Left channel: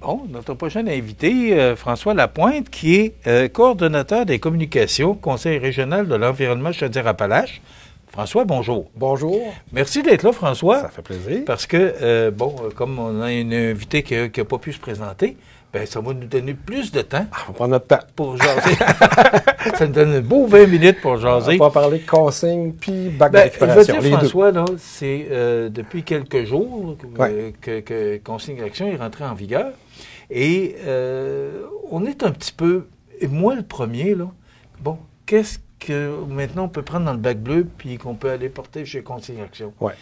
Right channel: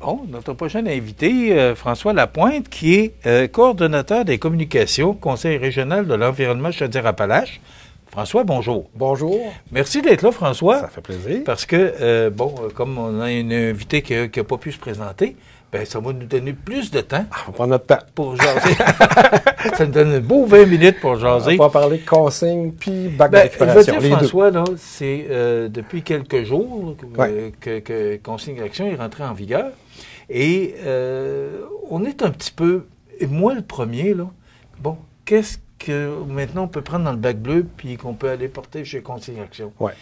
Bon, notre prochain invité, François Lapointe, qui est coordonnateur des communications, Conseil régional de l'environnement Chaudière-Appalaches. François, bonjour. Bonjour. Merci d'être là, François. Ça fait plaisir. Parce que, comme on a un invité qui n'a pas pu se présenter, ben ça va nous donner plus de temps. On prend notre temps. Pour jaser. Ça nous donne un beau 20 minutes pour jaser. On va parler de consignes puis bac de Je récupération. veux dire, François, là, c'est depuis quelques jours que Consigne Action est rentré en vigueur. Et on est un petit peu, et moi le premier, là, bon, qu'est-ce que maintenant on peut prendre dans le bac bleu puis qu'on peut aller porter chez Consigne Action? Ouais.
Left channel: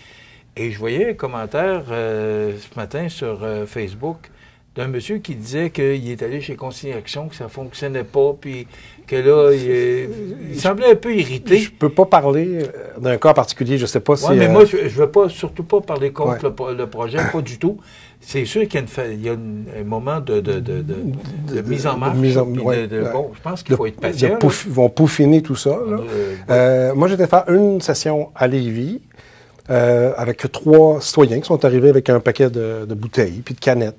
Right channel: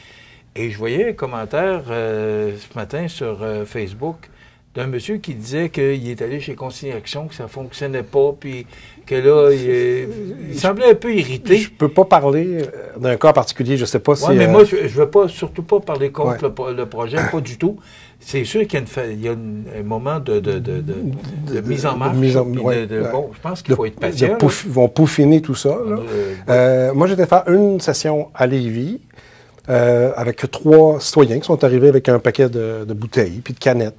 Et je voyais un commentaire ce matin sur Facebook d'un monsieur qui disait qu'il est allé chez Consigne Action, que ça ne fonctionnait pas, puis que là, il semblait un peu irrité. Je peux pas parler d'un cas particulier, je sais pas si... mais moi, je ne veux pas, surtout pas parler contre le projet, pas du tout. C'est sûr qu'il y a un moment de mise en marche. Bon, je pense qu'il faut être patient. Ils vont peaufiner tout ça. Moi, j'étais faire une session à Lévis avec 3 citoyens qui sont arrivés avec un paquet de bouteilles, puis de canettes,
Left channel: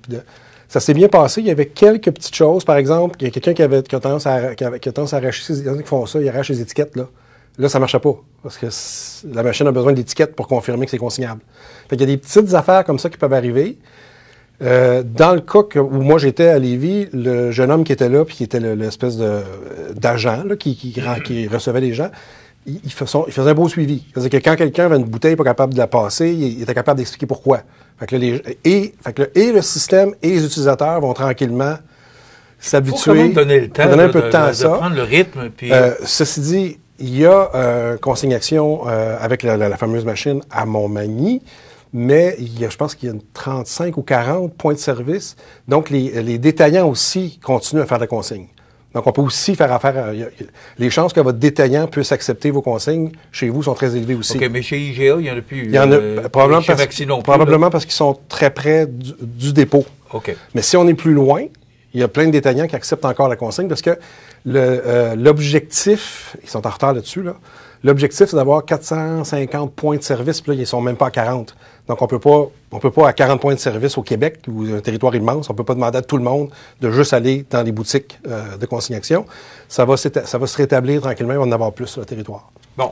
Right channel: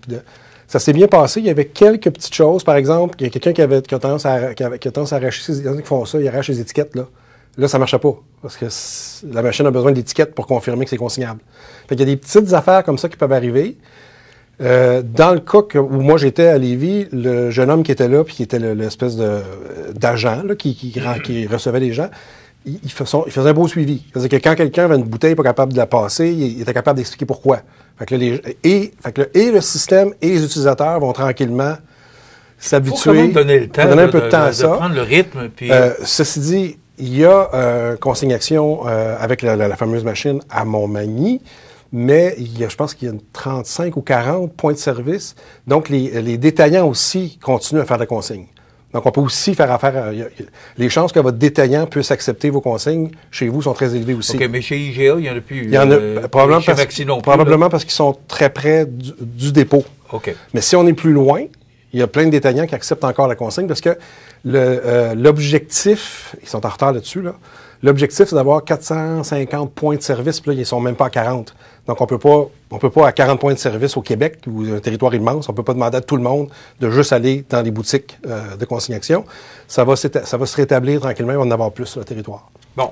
Ça s'est bien passé. Il y avait quelques petites choses. Par exemple, il y a quelqu'un qui a tendance à arracher, il y en a qui font ça, ils arrachent les étiquettes, là. Là, ça marchait pas. Parce que la machine a besoin d'étiquettes pour confirmer que c'est consignable. Fait qu'il y a des petites affaires comme ça qui peuvent arriver. Dans le cas où moi j'étais à Lévis, le jeune homme qui était là, puis qui était l'espèce d'agent, là, qui recevait les gens, il faisait un beau suivi. C'est-à-dire que quand quelqu'un avait une bouteille pas capable de la passer, il était capable d'expliquer pourquoi. Fait que le système et les utilisateurs vont tranquillement s'habituer. Il faut quand même donner le temps, de prendre le rythme. Puis... ceci dit, il y a Consigne Action avec la fameuse machine à Montmagny, mais je pense qu'il y a 35 ou 40 points de service. Donc, les détaillants aussi continuent à faire des consignes. Donc, on peut aussi faire affaire. Les chances que votre détaillant puisse accepter vos consignes chez vous sont très élevées aussi. OK, mais chez IGA, il n'y en a plus. Il y en a probablement parce qu'ils sont très près du dépôt. OK. Mais si on est plus loin, il y a plein de détaillants qui acceptent encore la consigne parce que l'objectif, ils sont en retard là-dessus, là. L'objectif, c'est d'avoir 450 points de service, puis là, ils sont même pas à 40. Donc, on peut pas à 40 points de service au Québec, ou un territoire immense, on peut pas demander à tout le monde de juste aller dans les boutiques de consignation. Ça va se rétablir tranquillement, on va en avoir plus sur le territoire. Bon.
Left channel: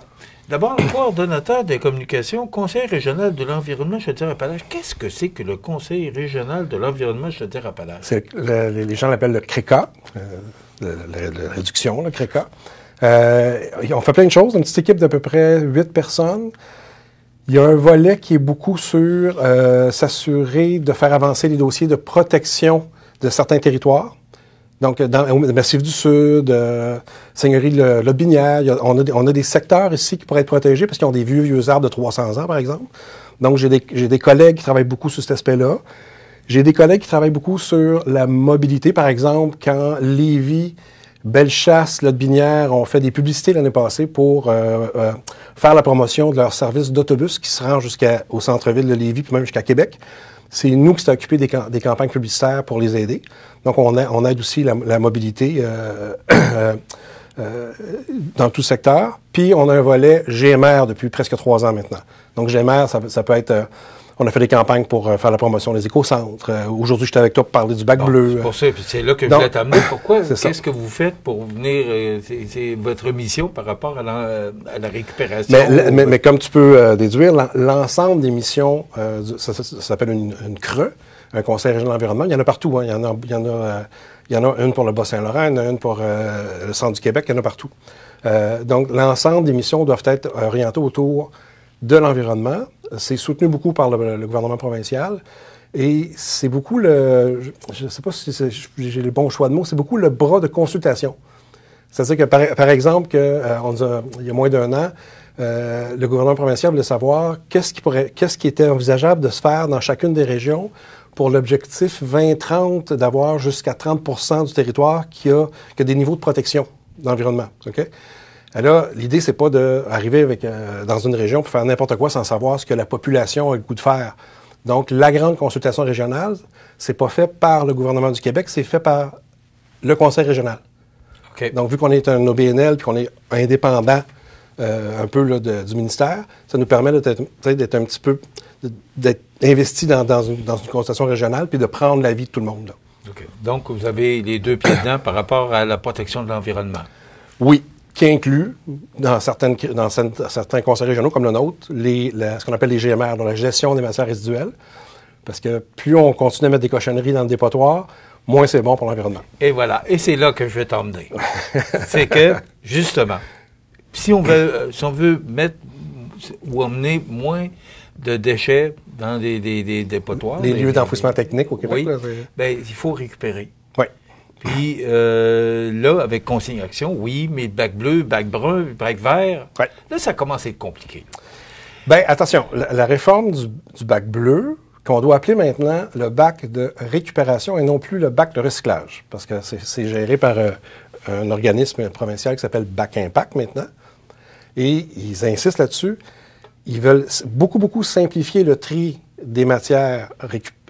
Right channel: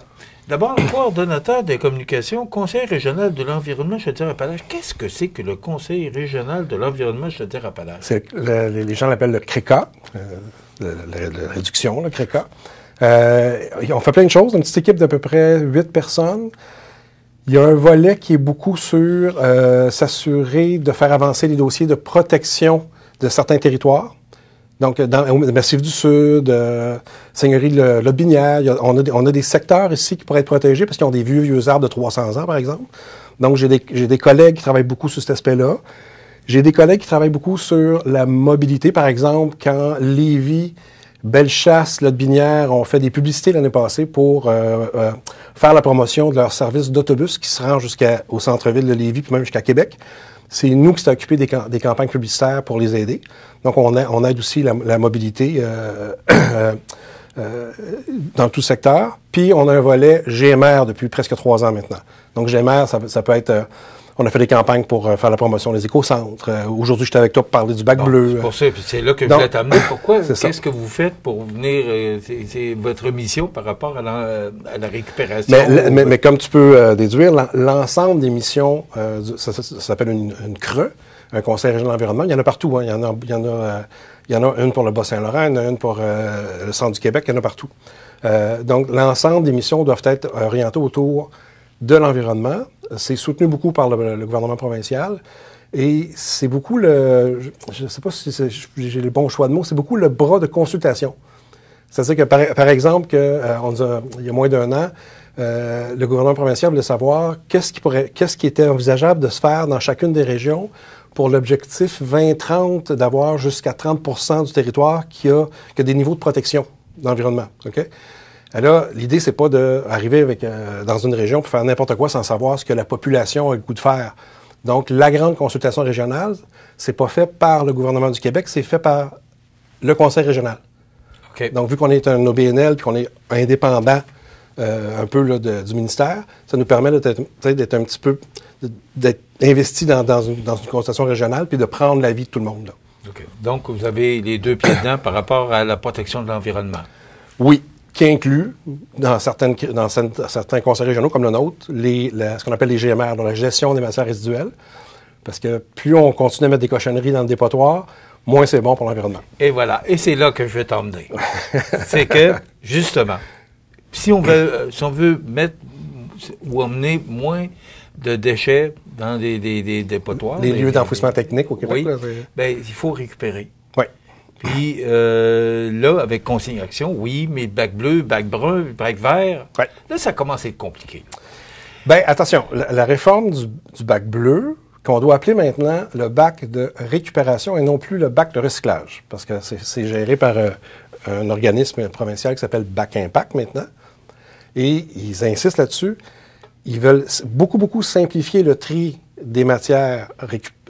D'abord, le coordonnateur des communications, Conseil régional de l'environnement Chaudière-Appalaches. Qu'est-ce que c'est que le Conseil régional de l'environnement Chaudière-Appalaches? Les gens l'appellent le CRECA, la réduction, le CRECA. On fait plein de choses, une petite équipe d'à peu près 8 personnes. Il y a un volet qui est beaucoup sur s'assurer de faire avancer les dossiers de protection de certains territoires. Donc, dans le Massif du Sud, Seigneurie de Lotbinière, on a des secteurs ici qui pourraient être protégés parce qu'ils ont des vieux arbres de 300 ans, par exemple. Donc, j'ai des collègues qui travaillent beaucoup sur cet aspect-là. J'ai des collègues qui travaillent beaucoup sur la mobilité, par exemple, quand Lévis, Bellechasse, Lotbinière ont fait des publicités l'année passée pour faire la promotion de leur service d'autobus qui se rend jusqu'au centre-ville de Lévis, puis même jusqu'à Québec. C'est nous qui s'est occupé des campagnes publicitaires pour les aider. Donc, on aide aussi la mobilité dans tout secteur. Puis, on a un volet GMR depuis presque 3 ans maintenant. Donc, GMR, ça peut être... on a fait des campagnes pour faire la promotion des éco-centres. Aujourd'hui, j'étais avec toi pour parler du bac bleu. C'est pour ça, puis c'est là que je voulais t'amener. Pourquoi? Qu'est-ce que vous faites pour venir... c'est votre mission par rapport à la récupération? Mais comme tu peux déduire, l'ensemble des missions, ça s'appelle une CRE, un Conseil régional de l'environnement. Il y en a partout. Hein. Il y en a une pour le Bas-Saint-Laurent, il y en a une pour le centre du Québec, il y en a partout. Donc, l'ensemble des missions doivent être orientées autour de l'environnement. C'est soutenu beaucoup par le gouvernement provincial. Et c'est beaucoup je ne sais pas si j'ai le bon choix de mots, c'est beaucoup le bras de consultation. C'est-à-dire que, par exemple, il y a moins d'1 an, le gouvernement provincial voulait savoir qu'est-ce qui était envisageable de se faire dans chacune des régions pour l'objectif 2030 d'avoir jusqu'à 30% du territoire qui a des niveaux de protection de l'environnement. OK? Alors, l'idée, c'est pas d'arriver dans une région pour faire n'importe quoi sans savoir ce que la population a le goût de faire. Donc, la grande consultation régionale, c'est pas fait par le gouvernement du Québec, c'est fait par le Conseil régional. Okay. Donc, vu qu'on est un OBNL puis qu'on est indépendant un peu là, du ministère, ça nous permet d'être un petit peu d'être investi dans une consultation régionale puis de prendre l'avis de tout le monde. Là. OK. Donc, vous avez les deux pieds dedans par rapport à la protection de l'environnement. Oui, qui inclut, dans certains conseils régionaux comme le nôtre, ce qu'on appelle les GMR, donc la gestion des matières résiduelles. Parce que plus on continue à mettre des cochonneries dans le dépotoir, moins c'est bon pour l'environnement. Et voilà. Et c'est là que je vais t'emmener. C'est que, justement, si on veut mettre ou emmener moins de déchets dans des dépotoirs. Les lieux d'enfouissement technique au Québec. Oui, Là, ben, il faut récupérer. Oui. Puis là, avec consignation, oui, mais bac bleu, bac brun, bac vert, ouais. Là, ça commence à être compliqué. Bien, attention, la réforme du bac bleu, qu'on doit appeler maintenant le bac de récupération et non plus le bac de recyclage, parce que c'est géré par un organisme provincial qui s'appelle Bac Impact maintenant, et ils insistent là-dessus. Ils veulent beaucoup simplifier le tri des matières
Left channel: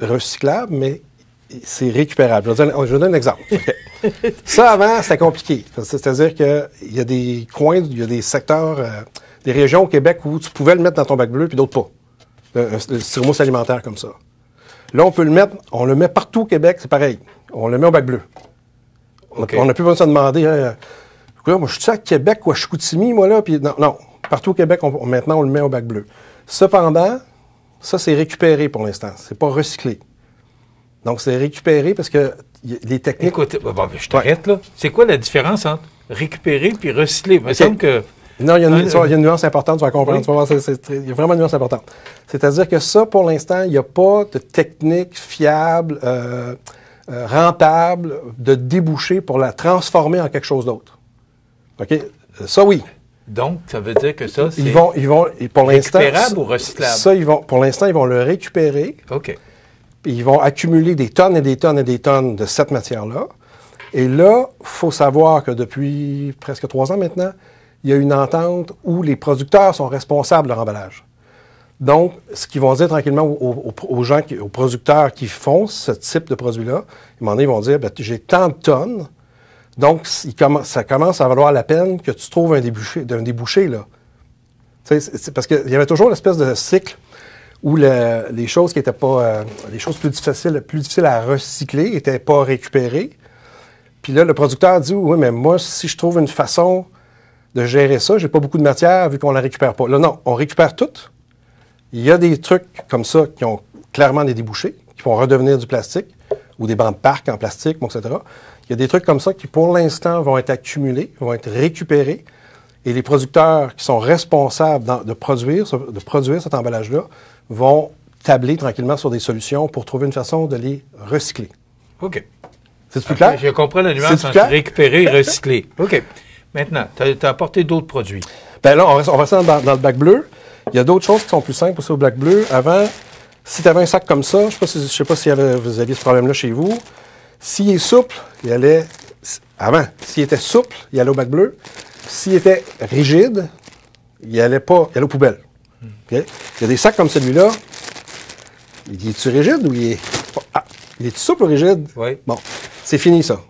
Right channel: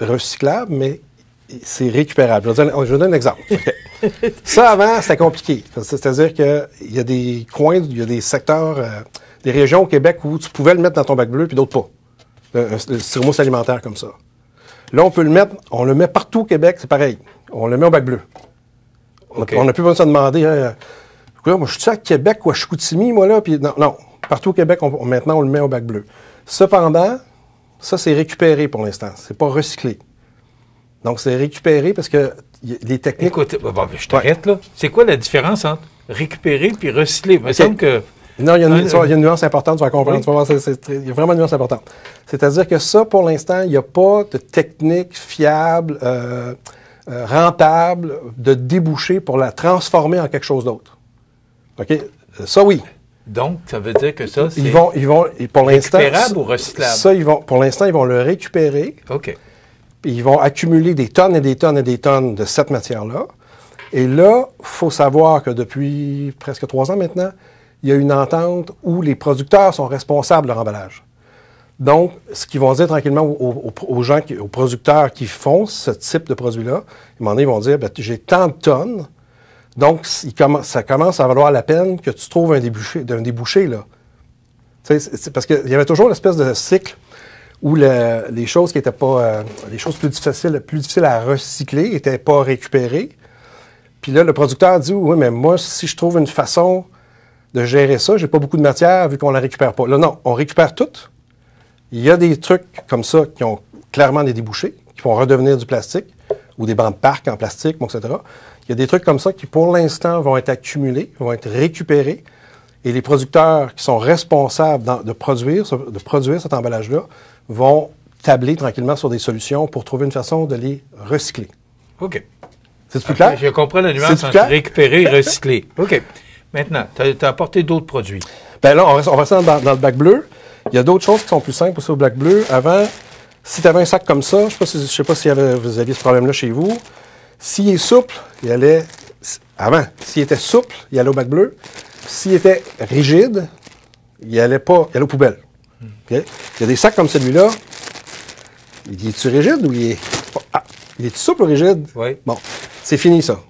recyclables, mais c'est récupérable. Je vous donne un exemple. Okay. Ça, avant, c'était compliqué. C'est-à-dire qu'il y a des coins, il y a des secteurs, des régions au Québec où tu pouvais le mettre dans ton bac bleu, puis d'autres pas. Le styromousse alimentaire comme ça. Là, on le met partout au Québec, c'est pareil. On le met au bac bleu. Okay. On n'a plus besoin de se demander, moi, je suis à Québec ou à Chicoutimi, moi, là, puis non. Partout au Québec, maintenant, on le met au bac bleu. Cependant, ça, c'est récupéré pour l'instant. C'est pas recyclé. Donc, c'est récupéré parce que les techniques... Écoute, je t'arrête, là. C'est quoi la différence entre récupérer puis recycler? Il me semble que... Non, il y a une nuance importante, tu vas comprendre. Oui. Il y a vraiment une nuance importante. C'est-à-dire que ça, pour l'instant, il n'y a pas de technique fiable, rentable, de déboucher pour la transformer en quelque chose d'autre. OK? Ça, oui. Donc, ça veut dire que ça, c'est ils vont, pour l'instant, récupérable ou recyclable? Ça, pour l'instant, ils vont le récupérer. OK. Puis ils vont accumuler des tonnes et des tonnes et des tonnes de cette matière-là. Et là, il faut savoir que depuis presque 3 ans maintenant, il y a une entente où les producteurs sont responsables de leur emballage. Donc, ce qu'ils vont dire tranquillement aux gens, aux producteurs qui font ce type de produit-là, à un moment donné, ils vont dire, j'ai tant de tonnes. Donc, ça commence à valoir la peine que tu trouves un débouché, là. C'est parce qu'il y avait toujours l'espèce de cycle où les choses qui étaient pas, les choses plus difficiles à recycler étaient pas récupérées. Puis là, le producteur dit, oui, mais moi, si je trouve une façon de gérer ça, j'ai pas beaucoup de matière vu qu'on la récupère pas. Là, non, on récupère tout. Il y a des trucs comme ça qui ont clairement des débouchés, qui vont redevenir du plastique ou des bancs de parc en plastique, etc. Il y a des trucs comme ça qui, pour l'instant, vont être accumulés, vont être récupérés. Et les producteurs qui sont responsables de produire cet emballage-là vont tabler tranquillement sur des solutions pour trouver une façon de les recycler. OK. C'est plus clair? Je comprends la nuance entre récupérer et recycler. OK. Maintenant, tu as apporté d'autres produits. Bien là, on reste dans le bac bleu. Il y a d'autres choses qui sont plus simples aussi au bac bleu. Avant, si tu avais un sac comme ça, je ne sais pas si vous aviez ce problème-là chez vous. S'il est souple, il allait... Avant, s'il était souple, il allait au bac bleu. S'il était rigide, il allait aux poubelles. Okay? Il y a des sacs comme celui-là. Il est-tu rigide ou il est... Ah, il est-tu souple ou rigide? Oui. Bon, c'est fini ça.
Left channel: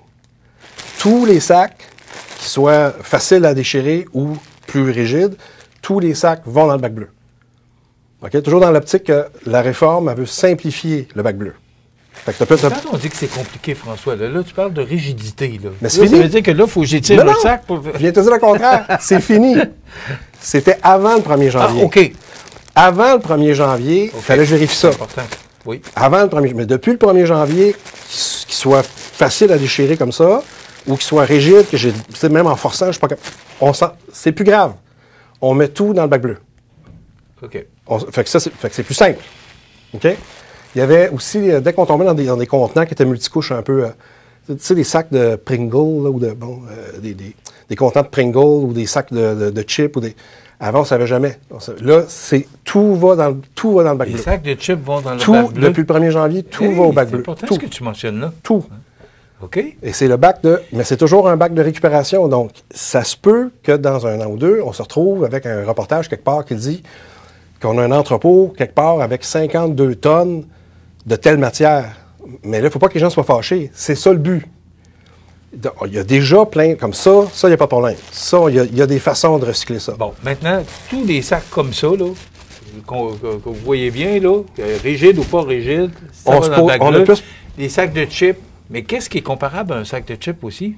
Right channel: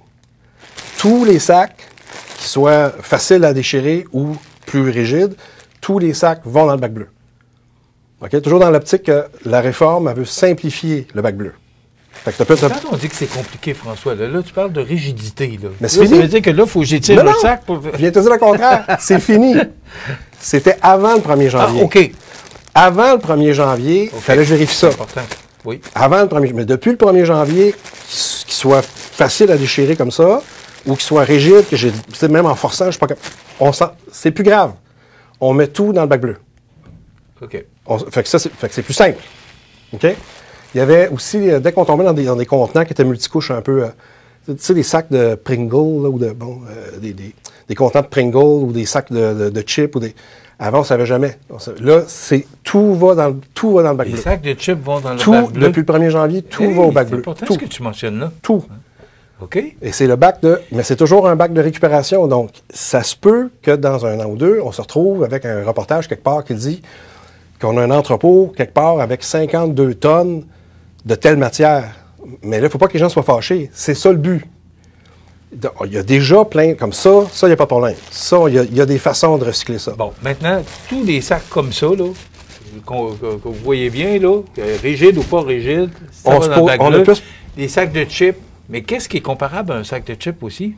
Tous les sacs qui soient faciles à déchirer ou plus rigides, tous les sacs vont dans le bac bleu. Okay? Toujours dans l'optique que la réforme, elle veut simplifier le bac bleu. Quand on dit que c'est compliqué, François, là, tu parles de rigidité. Là. Mais c'est fini. Ça veut dire que là, il faut que j'étire le sac pour... Je viens de te dire le contraire. C'est fini. C'était avant le 1er janvier. Ah, OK. Avant le 1er janvier, il fallait que je vérifie ça. Important. Oui. Avant le 1er, mais depuis le 1er janvier, qu'il soit facile à déchirer comme ça, ou qu'il soit rigide, que c'est même en forçant, je sais pas c'est plus grave. On met tout dans le bac bleu. OK. Fait que c'est plus simple. OK? Il y avait aussi, dès qu'on tombait dans des contenants qui étaient multicouches un peu, tu sais, des sacs de Pringles, là, ou des contenants de Pringles, ou des sacs de chips, avant, on ne savait jamais. Là, tout va dans le bac bleu. Les sacs de chips vont dans le bac bleu? Depuis le 1er janvier, tout va au bac bleu. C'est important ce que tu mentionnes là. Tout. OK. Et c'est le bac mais c'est toujours un bac de récupération. Donc, ça se peut que dans 1 an ou 2, on se retrouve avec un reportage quelque part qui dit qu'on a un entrepôt quelque part avec 52 tonnes de telle matière. Mais là, il ne faut pas que les gens soient fâchés. C'est ça le but. Il y a déjà plein comme ça, il n'y a pas de problème. Ça, il y a des façons de recycler ça. Bon, maintenant, tous les sacs comme ça, là, que vous voyez bien, là, rigides ou pas rigides, les sacs de chips, Mais qu'est-ce qui est comparable à un sac de chips aussi?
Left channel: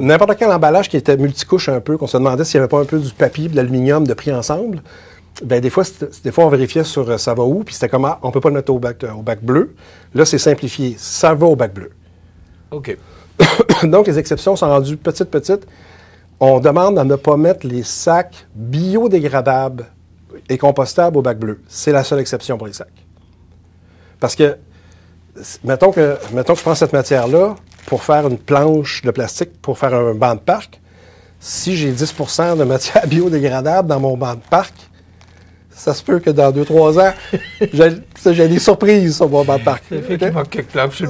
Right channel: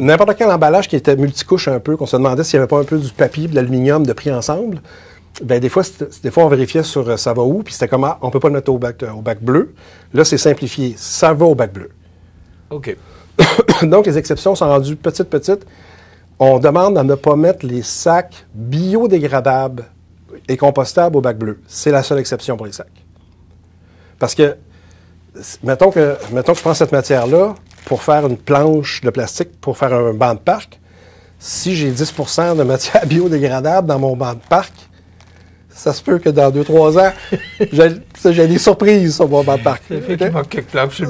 N'importe quel emballage qui était multicouche un peu, qu'on se demandait s'il n'y avait pas un peu du papier et de l'aluminium de pris ensemble, ben des fois on vérifiait sur ça va où, puis c'était comme on peut pas le mettre au bac bleu. Là, c'est simplifié. Ça va au bac bleu. OK. Donc, les exceptions sont rendues petites. On demande à ne pas mettre les sacs biodégradables et compostables au bac bleu. C'est la seule exception pour les sacs. Parce que, mettons que je prends cette matière-là pour faire une planche de plastique, pour faire un banc de parc. Si j'ai 10 % de matière biodégradable dans mon banc de parc, ça se peut que dans 2-3 ans, j'ai des surprises sur mon banc de parc.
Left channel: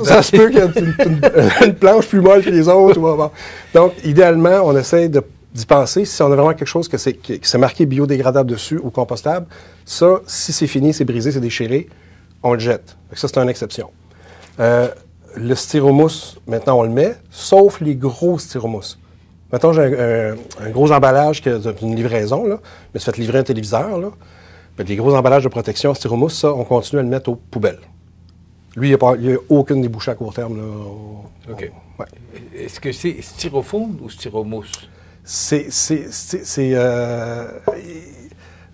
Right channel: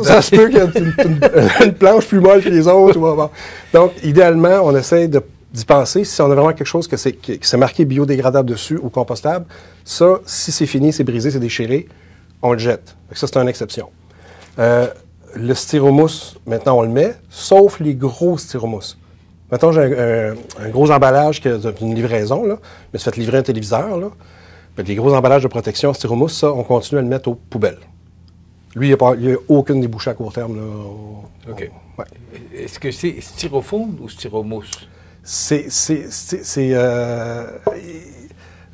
Ça se peut qu'il y ait une planche plus molle que les autres. Donc, idéalement, on essaie d'y penser. Si on a vraiment quelque chose qui s'est marqué biodégradable dessus ou compostable, ça, si c'est fini, c'est brisé, c'est déchiré, on le jette. Ça, c'est une exception. Le styromousse, maintenant, on le met, sauf les gros styromousses. Mettons, j'ai un gros emballage qui est une livraison, là, mais ça fait livrer un téléviseur, là. Ben, les gros emballages de protection styromousse, ça, on continue à le mettre aux poubelles. Lui, il n'y a aucune débouchée à court terme. Là. OK. Ouais. Est-ce que c'est styrofoam ou styromousse? Je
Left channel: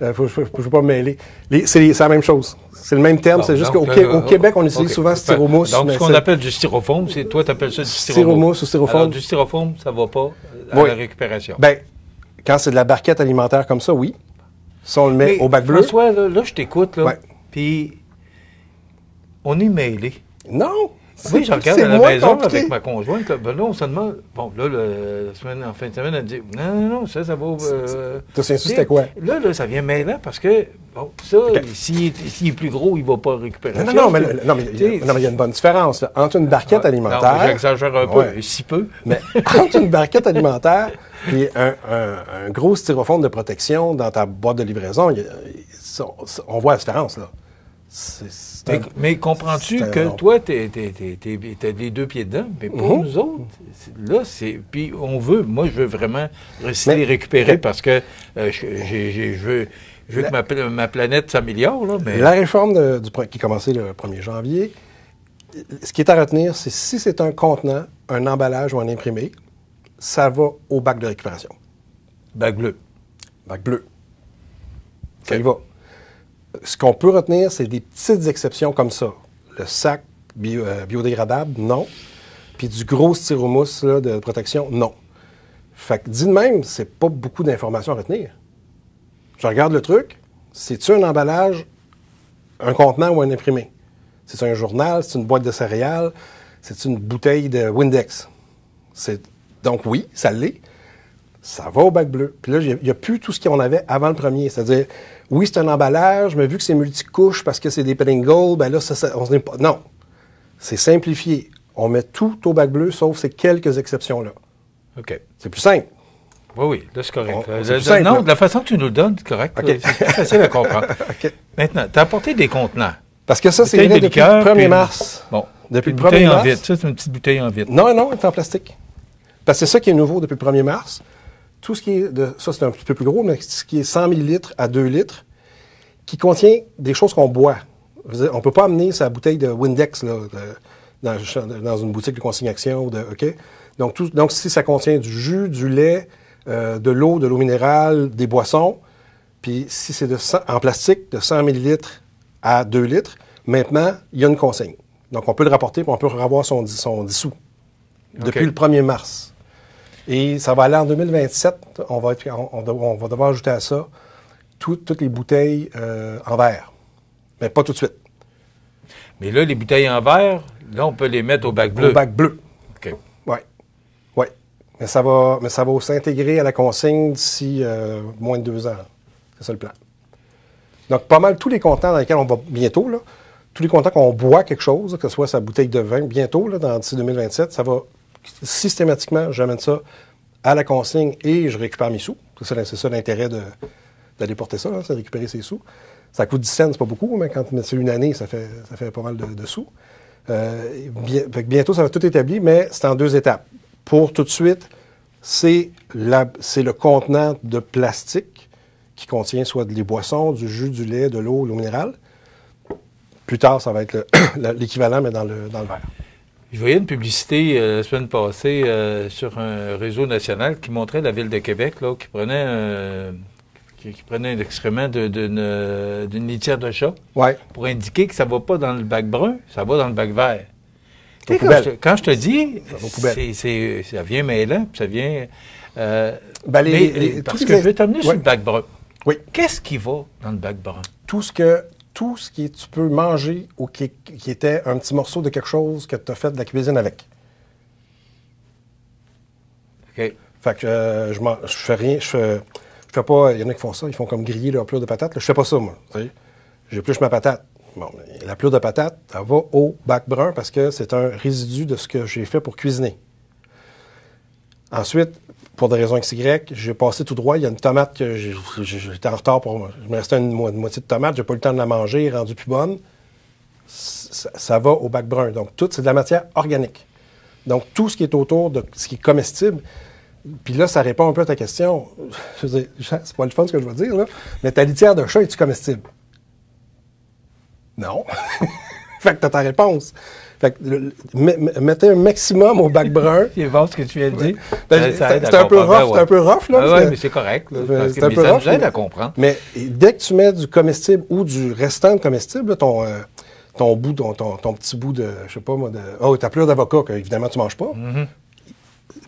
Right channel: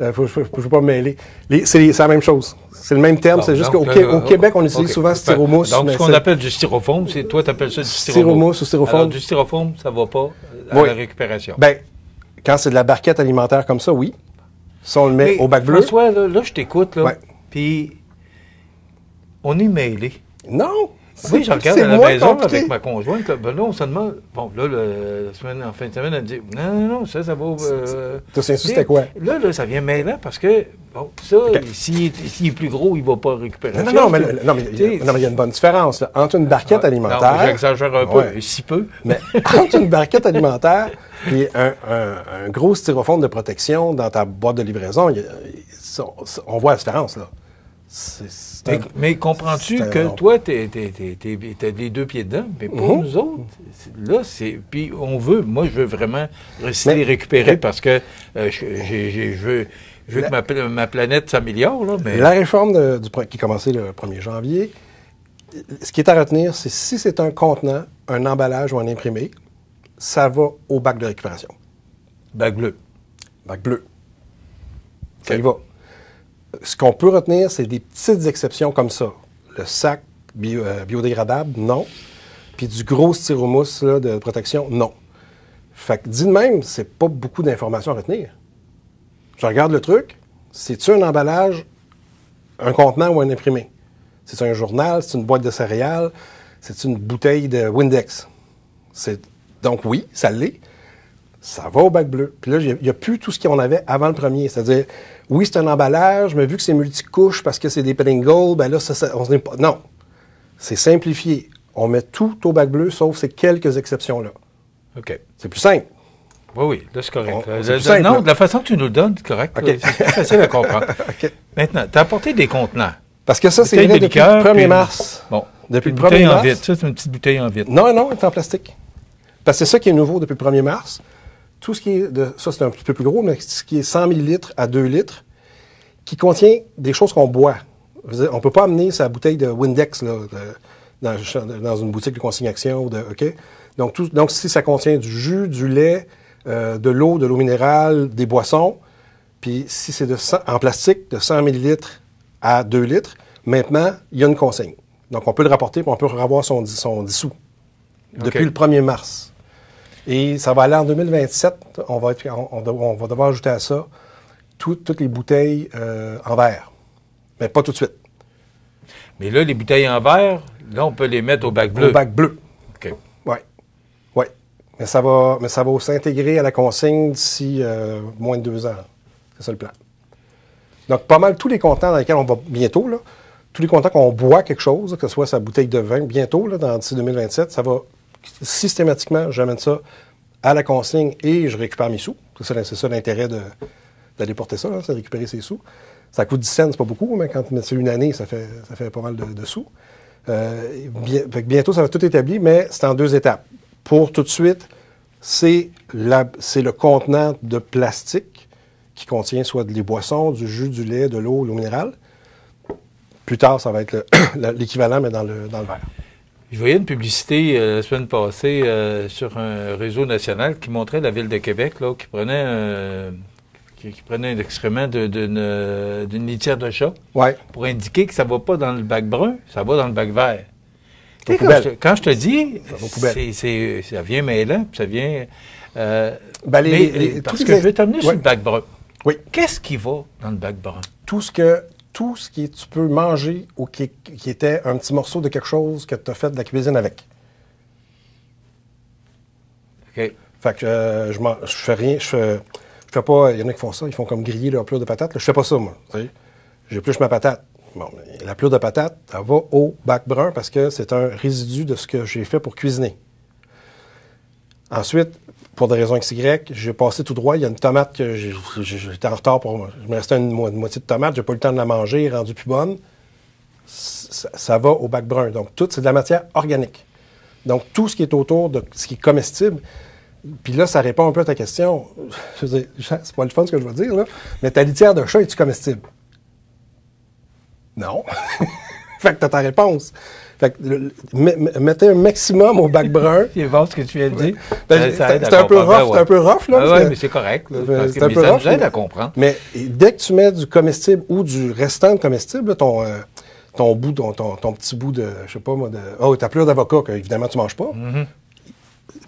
ne veux pas me mêler. C'est la même chose. C'est le même terme, c'est juste qu'au Québec, on utilise souvent styromousse. Donc, ce qu'on appelle du styrofoam, toi, tu appelles ça du styromousse ou styrofoam. Alors, du styrofoam, ça ne va pas à la récupération. Ben, quand c'est de la barquette alimentaire comme ça, oui. Si on le met au bac bleu. François, là, je t'écoute, là. Puis, on est mêlés. Non! Oui, je regarde à la maison avec ma conjointe. Ben là, on se demande. Bon, là, en fin de semaine, elle me dit non, ça va. Tu sais, c'était quoi? Là, ça vient mêlant parce que, bon, ça, s'il est plus gros, il ne va pas récupérer. Non, mais il y a une bonne différence là, entre une barquette alimentaire. Non, j'exagère un peu, si peu. Mais entre une barquette alimentaire et un gros styrofoam de protection dans ta boîte de livraison, on voit la différence, là. Mais comprends-tu que toi, t'as les deux pieds dedans, mais pour nous autres, là, c'est... Puis moi, je veux vraiment les récupérer parce que je veux que ma planète s'améliore, là, mais... La réforme qui est commencée le 1er janvier, ce qui est à retenir, c'est si c'est un contenant, un emballage ou un imprimé, ça va au bac de récupération. Bac bleu. Bac bleu. Ça y va. Ce qu'on peut retenir, c'est des petites exceptions comme ça. Le sac biodégradable, non. Puis du gros styromousse là, de protection, non. Fait que dit de même, c'est pas beaucoup d'informations à retenir. Je regarde le truc, c'est-tu un emballage, un contenant ou un imprimé? C'est un journal, c'est une boîte de céréales, c'est une bouteille de Windex. Donc oui, ça l'est. Ça va au bac bleu. Puis là, il n'y a plus tout ce qu'on avait avant le premier. C'est-à-dire, oui, c'est un emballage, mais vu que c'est multicouche parce que c'est des Pringles, ben là, on n'est pas. Non. C'est simplifié. On met tout au bac bleu, sauf ces quelques exceptions-là. OK. C'est plus simple. Oui, là, c'est correct. Non, de la façon que tu nous le donnes, c'est correct. Okay. C'est plus facile à comprendre. Okay. Maintenant, tu as apporté des contenants. Parce que ça, c'est depuis le 1er mars. Bon. Depuis le 1er mars. En vitre. Ça, c'est une petite bouteille en vitre. Non, c'est en plastique. Parce que c'est ça qui est nouveau depuis le 1er mars. Tout ce qui est ça, c'est un petit peu plus gros, mais ce qui est 100 ml à 2 litres, qui contient des choses qu'on boit. On ne peut pas amener sa bouteille de Windex là, dans une boutique de consignation. OK? Donc, si ça contient du jus, du lait, de l'eau minérale, des boissons, puis si c'est en plastique de 100 ml à 2 litres, maintenant, il y a une consigne. Donc, on peut le rapporter, puis on peut revoir son dissous. Depuis le 1er mars. Et ça va aller en 2027. On va devoir ajouter à ça toutes les bouteilles en verre. Mais pas tout de suite. Mais là, les bouteilles en verre, là, on peut les mettre au bac bleu. Au bac bleu. OK. Oui. Mais ça va s'intégrer à la consigne d'ici moins de 2 ans. C'est ça le plan. Donc, pas mal tous les contenants dans lesquels on va bientôt, là, tous les contenants qu'on boit quelque chose, que ce soit sa bouteille de vin, bientôt, là, d'ici 2027, ça va systématiquement, j'amène ça à la consigne et je récupère mes sous. C'est ça l'intérêt d'aller porter ça, c'est récupérer ses sous. Ça coûte 10 cents, c'est pas beaucoup, mais quand c'est une année, ça fait pas mal de sous. Bientôt, ça va tout établi, mais c'est en 2 étapes. Pour tout de suite, c'est le contenant de plastique qui contient soit des boissons, du jus, du lait, de l'eau minérale. Plus tard, ça va être l'équivalent, mais dans le verre. Je voyais une publicité la semaine passée sur un réseau national qui montrait la ville de Québec là, qui prenait un excrément d'une litière de chat pour indiquer que ça va pas dans le bac brun, ça va dans le bac vert. Quand je te dis, ça vient mêlant, ça vient... parce que je vais t'amener sur le bac brun. Oui. Qu'est-ce qui va dans le bac brun? Tout ce que tu peux manger ou qui était un petit morceau de quelque chose que tu as fait de la cuisine avec. OK. Fait que je fais rien, je fais pas, il y en a qui font ça, ils font comme griller leur pelure de patates. Là, je fais pas ça, moi. J'épluche ma patate. Bon, la pelure de patate, elle va au bac brun parce que c'est un résidu de ce que j'ai fait pour cuisiner. Ensuite, pour des raisons XY, j'ai passé tout droit. Il y a une tomate que j'étais en retard pour moi. Il me restait une moitié de tomate. J'ai pas eu le temps de la manger, elle est rendue plus bonne. Ça va au bac brun. Donc, tout, c'est de la matière organique. Donc, tout ce qui est autour de ce qui est comestible. Puis là, ça répond un peu à ta question. Je veux dire, c'est pas le fun ce que je veux dire, là. Mais ta litière de chat, est-tu comestible? Non. Fait que t'as ta réponse. Fait que mettez un maximum au bac brun. Tu vas voir ce que tu viens de dire. C'est un peu rough, là. Oui, mais c'est correct. Parce que ça nous aide à comprendre. Mais dès que tu mets du comestible ou du restant de comestible, là, ton petit bout de, je sais pas moi, ta pelure d'avocat, que évidemment tu manges pas. Mm-hmm.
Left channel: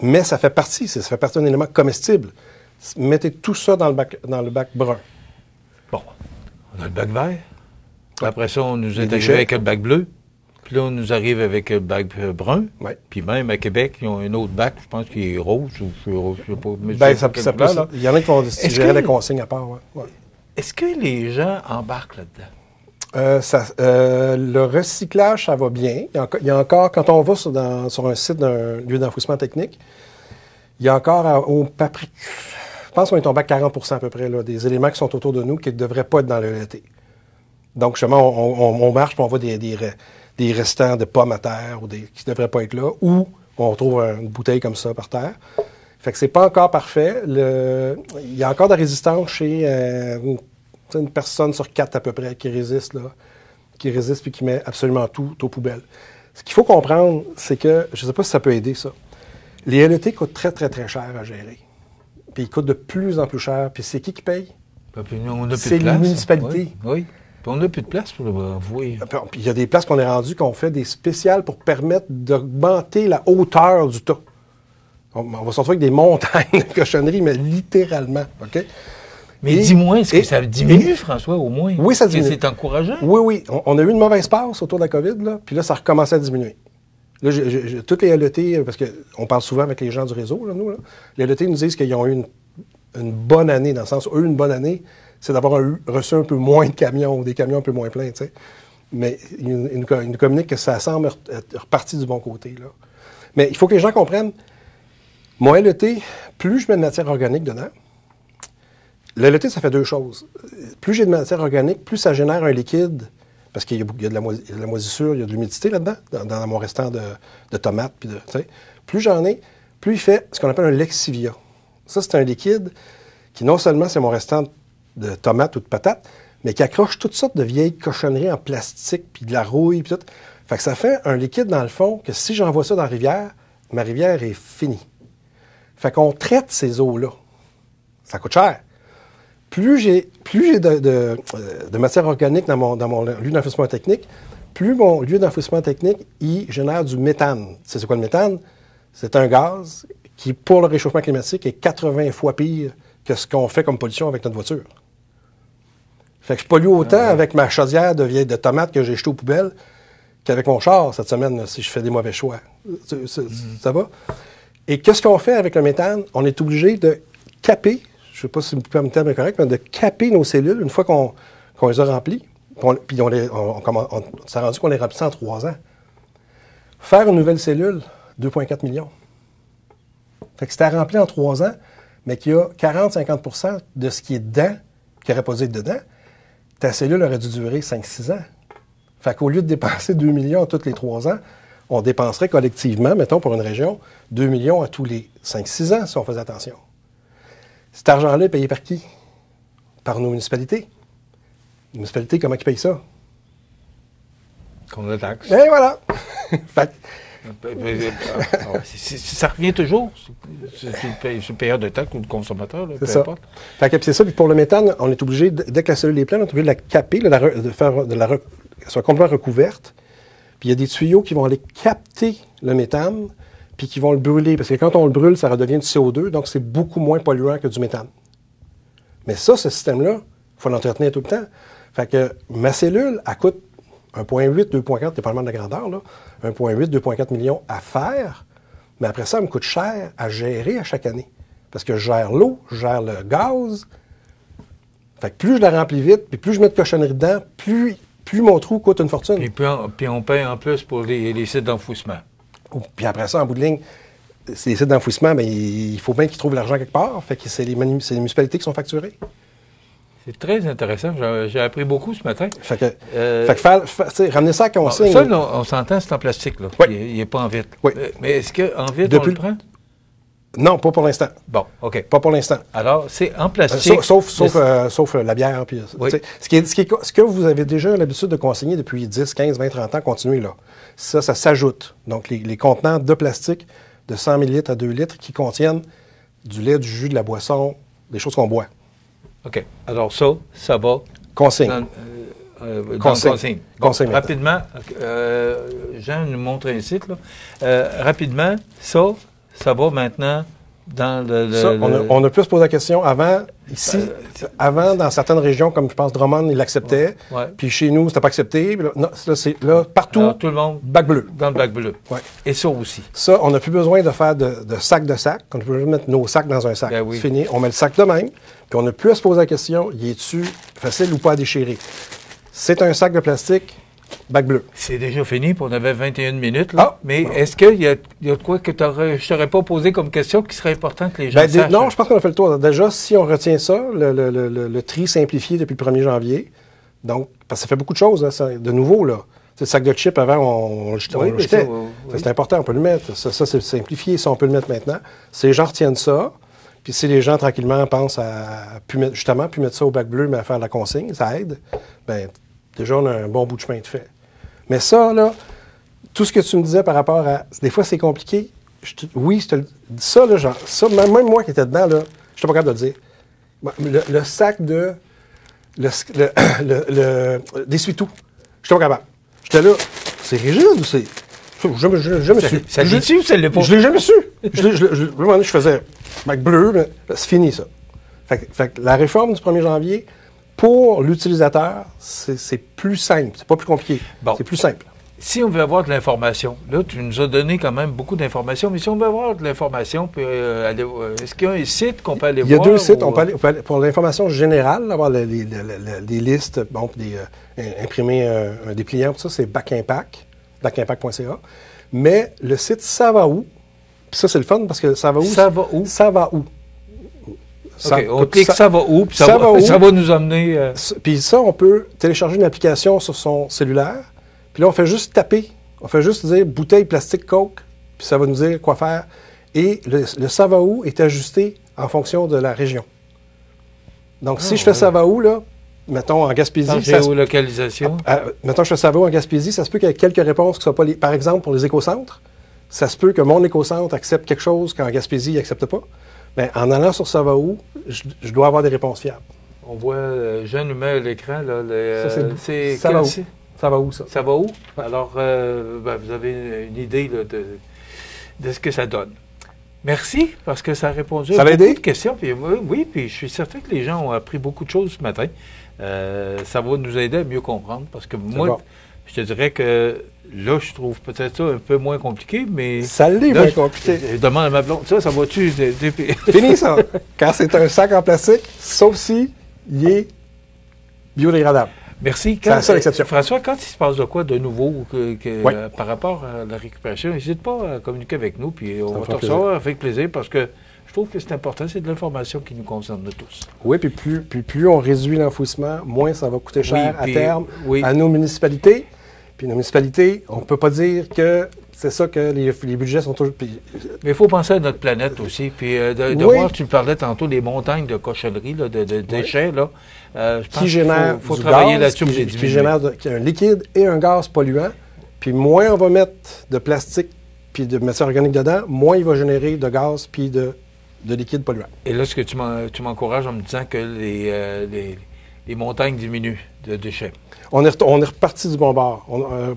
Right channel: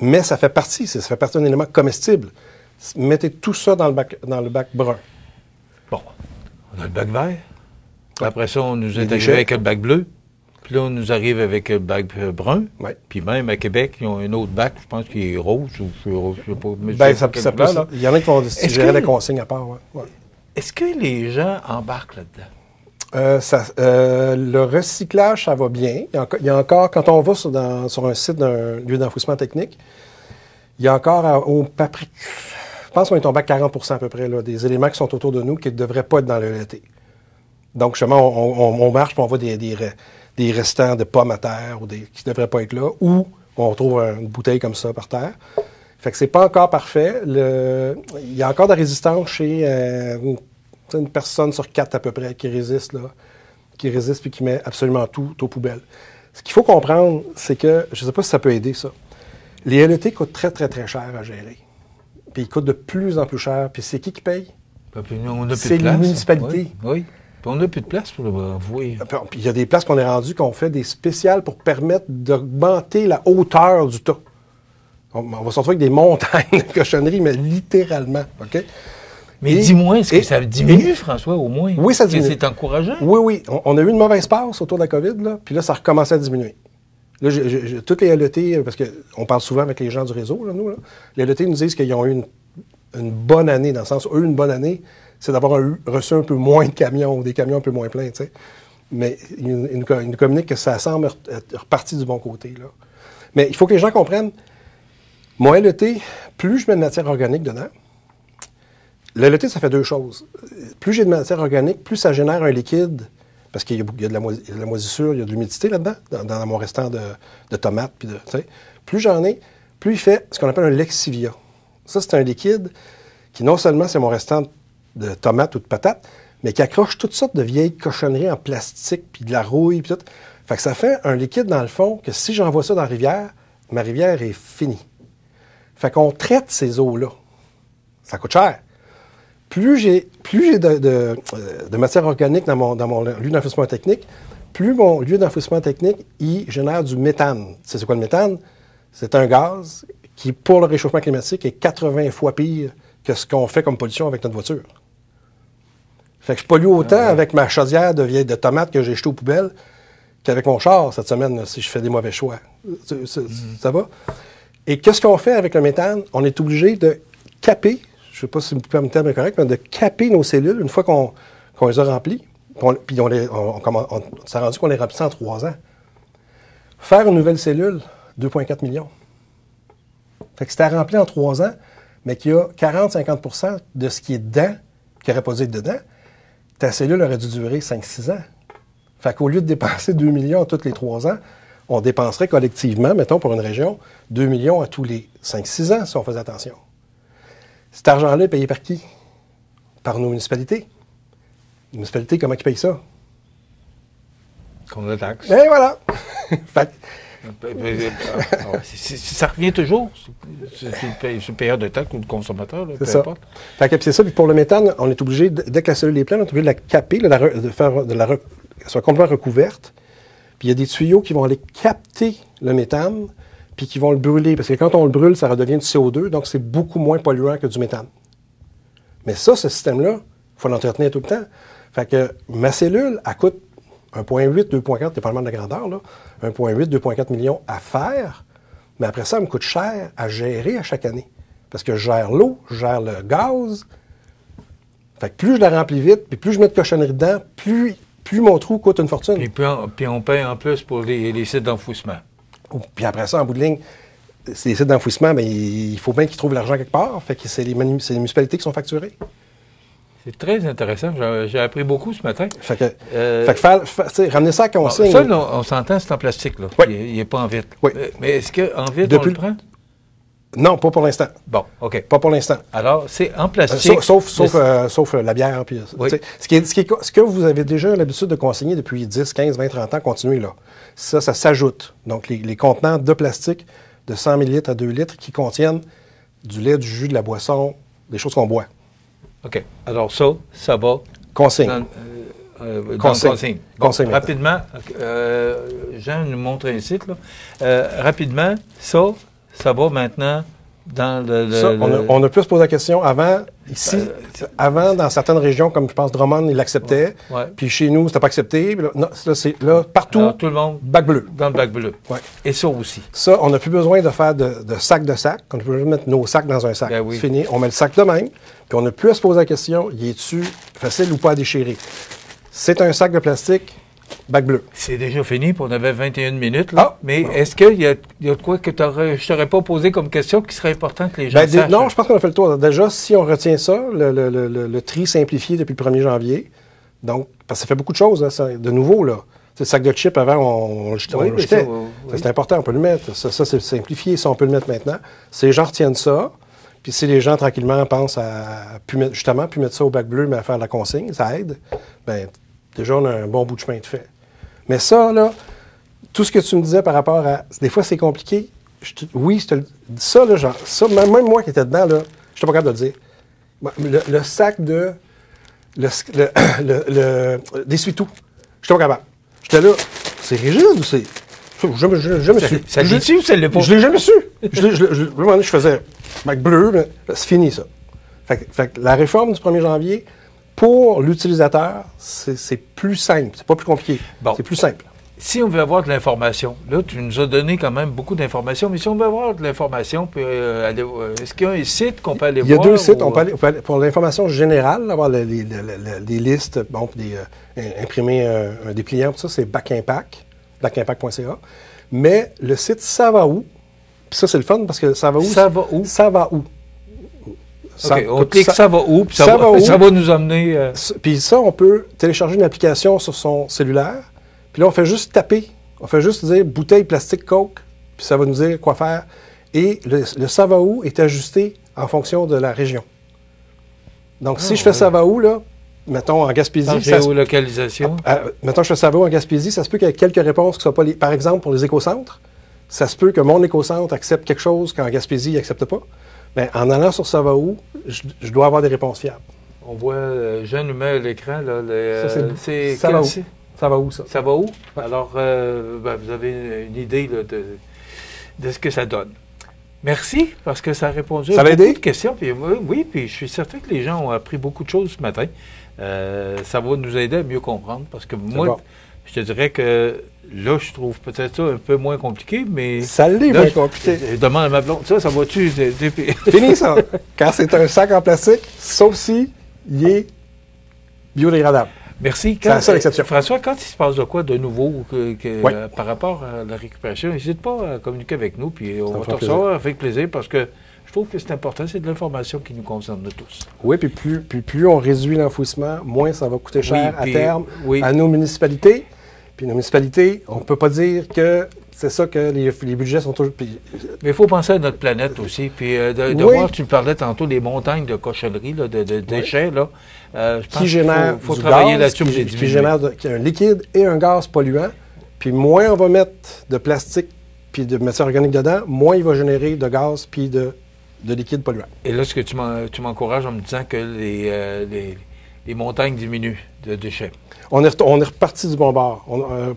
Mais ça fait partie d'un élément comestible. Mettez tout ça dans le bac brun. Bon. On a le bac vert. Après ça, on nous est arrivé avec le bac bleu. Puis là, on nous arrive avec le bac brun. Ouais. Puis même à Québec, ils ont un autre bac, je pense qu'il est rose. Je sais pas. Ben, ça peut, là. Il y en a qui vont gérer les consignes à part. Ouais. Est-ce que les gens embarquent là-dedans? Le recyclage, ça va bien. Il y a encore, quand on va sur un site d'un lieu d'enfouissement technique, il y a encore je pense qu'on est tombé à 40% à peu près, là, des éléments qui sont autour de nous qui ne devraient pas être dans le LET. Donc, justement, on marche et on voit des restants de pommes à terre ou qui ne devraient pas être là, ou on trouve une bouteille comme ça par terre. Fait que c'est pas encore parfait. Il y a encore de la résistance chez une personne sur 4 à peu près qui résiste puis qui met absolument tout aux poubelles. Ce qu'il faut comprendre, c'est que, je ne sais pas si ça peut aider ça, les LET coûtent très, très, très cher à gérer. Puis ils coûtent de plus en plus cher. Puis c'est qui paye? C'est les municipalités. Oui. Puis on n'a plus de place pour vouer. Puis il y a des places qu'on est rendues qu'on fait des spéciales pour permettre d'augmenter la hauteur du tas. On va se retrouver avec des montagnes de cochonneries, mais littéralement. OK? Mais dis-moi, est-ce que ça diminue, François, au moins? Oui, ça diminue. C'est encourageant? Oui. On a eu une mauvaise passe autour de la COVID, là, puis là, ça recommençait à diminuer. Là, toutes les LET, parce qu'on parle souvent avec les gens du réseau, là, nous, là, les LET nous disent qu'ils ont eu une bonne année, dans le sens où eux, une bonne année, c'est d'avoir reçu un peu moins de camions, ou des camions un peu moins pleins, tu sais. Mais ils nous communiquent que ça semble être reparti du bon côté, là. Mais il faut que les gens comprennent, mon LET, plus je mets de matière organique dedans, le LET, ça fait deux choses. Plus j'ai de matière organique, plus ça génère un liquide, parce qu'il y a de la moisissure, il y a de l'humidité là-dedans, dans mon restant de tomates. Puis plus j'en ai, plus il fait ce qu'on appelle un lexivia. Ça, c'est un liquide qui, non seulement c'est mon restant de tomates ou de patates, mais qui accroche toutes sortes de vieilles cochonneries en plastique, puis de la rouille, puis tout. Fait que ça fait un liquide, dans le fond, que si j'envoie ça dans la rivière, ma rivière est finie. Fait qu'on traite ces eaux-là. Ça coûte cher. Plus j'ai de matière organique dans mon lieu d'enfouissement technique, plus mon lieu d'enfouissement technique, il génère du méthane. C'est quoi le méthane? C'est un gaz qui, pour le réchauffement climatique, est 80 fois pire que ce qu'on fait comme pollution avec notre voiture. Fait que je pollue autant avec ma chaudière de tomates que j'ai jetée aux poubelles qu'avec mon char cette semaine, là, si je fais des mauvais choix. Ça va? Et qu'est-ce qu'on fait avec le méthane? On est obligé de caper, je ne sais pas si le terme est correct, mais de caper nos cellules une fois qu'on les a remplies. Puis on s'est rendu qu'on les remplit en 3 ans. Faire une nouvelle cellule, 2,4 millions. Fait que c'était rempli en 3 ans, mais qu'il y a 40-50% de ce qui est dedans, qui n'aurait pas dû être dedans, ta cellule aurait dû durer 5-6 ans. Fait qu'au lieu de dépenser 2 millions tous les 3 ans, on dépenserait collectivement, mettons pour une région, 2 millions à tous les 5-6 ans si on faisait attention. Cet argent-là est payé par qui? Par nos municipalités. Les municipalités, comment ils payent ça? Qu'on la taxe. Et voilà! Fait Ça revient toujours. C'est une période de temps que le consommateur, là, peu importe. Fait que c'est ça. Puis pour le méthane, on est obligé, dès que la cellule est pleine, on est obligé de la caper, de faire qu'elle soit complètement recouverte. Puis il y a des tuyaux qui vont aller capter le méthane, puis qui vont le brûler. Parce que quand on le brûle, ça redevient du CO2, donc c'est beaucoup moins polluant que du méthane. Mais ça, ce système-là, il faut l'entretenir tout le temps. Fait que ma cellule, elle coûte 1,8, 2,4, dépendamment de la grandeur, là, 1,8, 2,4 millions à faire. Mais après ça, elle me coûte cher à gérer à chaque année. Parce que je gère l'eau, je gère le gaz. Fait que plus je la remplis vite, puis plus je mets de cochonneries dedans, plus mon trou coûte une fortune. Puis on paye en plus pour les sites d'enfouissement. Puis après ça, en bout de ligne, ces sites d'enfouissement, bien, il faut bien qu'ils trouvent l'argent quelque part. Fait que c'est les municipalités qui sont facturées. C'est très intéressant. J'ai appris beaucoup ce matin. Fait que ramener ça à consigne. Ça, on s'entend, c'est en plastique. Là. Oui. Il n'est pas en vitre. Oui. Mais est-ce qu'en vitre, on le prend? Non, pas pour l'instant. Bon, OK. Pas pour l'instant. Alors, c'est en plastique. Sauf la bière. Puis, oui. Ce que vous avez déjà l'habitude de consigner depuis 10, 15, 20, 30 ans, continuez là. Ça s'ajoute. Donc, les contenants de plastique de 100 ml à 2 litres qui contiennent du lait, du jus, de la boisson, des choses qu'on boit. OK. Alors ça va. Consigne. Consigne. Bon, Consigne. Rapidement, Jean nous montre un site. Là. Rapidement, ça va maintenant dans le... Ça, on a pu se poser la question avant, ici, avant, dans certaines régions, comme je pense Drummond, ils l'acceptaient. Ouais. Puis chez nous, c'était pas accepté. Là, partout, alors, tout le monde, bac bleu. Dans le bac bleu. Ouais. Et ça aussi. Ça, on n'a plus besoin de faire de sac. On peut mettre nos sacs dans un sac. Ben oui. C'est fini. On met le sac de même. Puis on n'a plus à se poser la question, y est-tu facile ou pas à déchirer? C'est un sac de plastique, bac bleu. C'est déjà fini, puis on avait 21 minutes. Là. Ah, mais non. est-ce qu'il y a de quoi que je t'aurais pas posé comme question qui serait important que les gens sachent? Non, je pense qu'on a fait le tour. Déjà, si on retient ça, le tri simplifié depuis le 1er janvier, donc, parce que ça fait beaucoup de choses, là, de nouveau, là. Le sac de chips, avant, on le jetait. C'est important, on peut le mettre. Ça c'est simplifié, ça, on peut le mettre maintenant. Si les gens retiennent ça, puis si les gens, tranquillement, pensent à plus mettre ça au bac bleu, mais à faire de la consigne, ça aide, bien, déjà, on a un bon bout de chemin de fait. Mais ça, là, tout ce que tu me disais par rapport à... Des fois, c'est compliqué. Ça, là, genre, ça, même moi qui étais dedans, là, je n'étais pas capable de le dire. Le sac de... d'essuie-tout. Je n'étais pas capable. J'étais là, c'est rigide ou c'est... Je l'ai jamais su. Ça l'est su ou ça l'est pas? Je l'ai jamais su. Je faisais bac bleu, là, c'est fini, ça. Fait que la réforme du 1er janvier, pour l'utilisateur, c'est plus simple. C'est pas plus compliqué. Bon. C'est plus simple. Si on veut avoir de l'information, là, tu nous as donné quand même beaucoup d'informations, mais si on veut avoir de l'information, est-ce qu'il y a un site qu'on peut aller voir? Il y a deux sites. On peut aller, pour l'information générale, avoir des listes, bon, imprimer un dépliant, tout ça, c'est bacimpact, bacimpact.ca. Mais le site Ça va où? Puis ça, c'est le fun parce que ça va où? Ça va où? Ça va où? Okay, on clique ça va où? Puis ça va nous emmener... Puis ça, on peut télécharger une application sur son cellulaire. Puis là, on fait juste taper. On fait juste dire bouteille plastique Coke. Puis ça va nous dire quoi faire. Et le ça va où est ajusté en fonction de la région. Donc, si je fais ça va où, là, mettons en Gaspésie. Géolocalisation. Mettons, je fais ça va où en Gaspésie, ça se peut qu'il y ait quelques réponses qui ne soient pas par exemple, pour les écocentres, ça se peut que mon écocentre accepte quelque chose qu'en Gaspésie, il n'accepte pas. Mais en allant sur ça va où, je dois avoir des réponses fiables. On voit, Jean nous met à l'écran, là, ça va où? Ça va où, ça? Ça va où? Alors, vous avez une idée là, de ce que ça donne. Merci, parce que ça a répondu à beaucoup de questions. Puis, oui, puis je suis certain que les gens ont appris beaucoup de choses ce matin. Ça va nous aider à mieux comprendre, parce que moi, je te dirais que là, je trouve peut-être ça un peu moins compliqué, mais... Ça l'est moins compliqué. Je demande à ma blonde, ça va-tu... Fini, ça. Quand c'est un sac en plastique, sauf si il est biodégradable. Merci. C'est la seule exception. François, quand il se passe de quoi de nouveau par rapport à la récupération, n'hésite pas à communiquer avec nous, puis on va te recevoir avec plaisir, parce que je trouve que c'est important, c'est de l'information qui nous concerne tous. Oui, puis plus on réduit l'enfouissement, moins ça va coûter cher à terme à nos municipalités. Puis nos municipalités, on ne peut pas dire que c'est ça que les budgets sont toujours... Mais il faut penser à notre planète aussi. Puis de voir, tu parlais tantôt des montagnes de cochonneries, de déchets, là. Je pense qu'il faut travailler là-dessus. Qui génère un liquide et un gaz polluant. Puis moins on va mettre de plastique puis de matière organique dedans, moins il va générer de gaz puis de liquide polluant. Et là, ce que tu m'encourages en me disant que les montagnes diminuent de déchets. On est reparti du bon bord.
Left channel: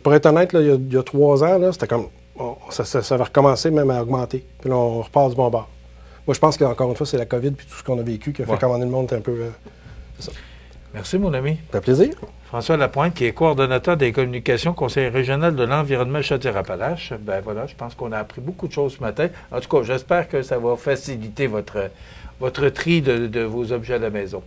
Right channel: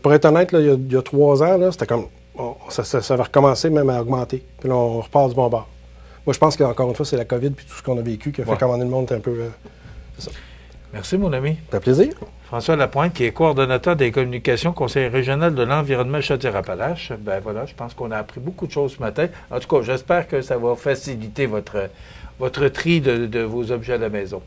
Pour être honnête, là, il y a 3 ans, là, c'était comme ça va recommencer même à augmenter. Puis là, on repart du bon bord. Moi, je pense qu'encore une fois, c'est la COVID puis tout ce qu'on a vécu qui a fait commander le monde un peu... c'est ça. Merci, mon ami. Ça fait plaisir. François Lapointe, qui est coordonnateur des communications, conseiller régional de l'environnement Chaudière-Appalaches. Ben voilà, je pense qu'on a appris beaucoup de choses ce matin. En tout cas, j'espère que ça va faciliter votre tri de vos objets à la maison.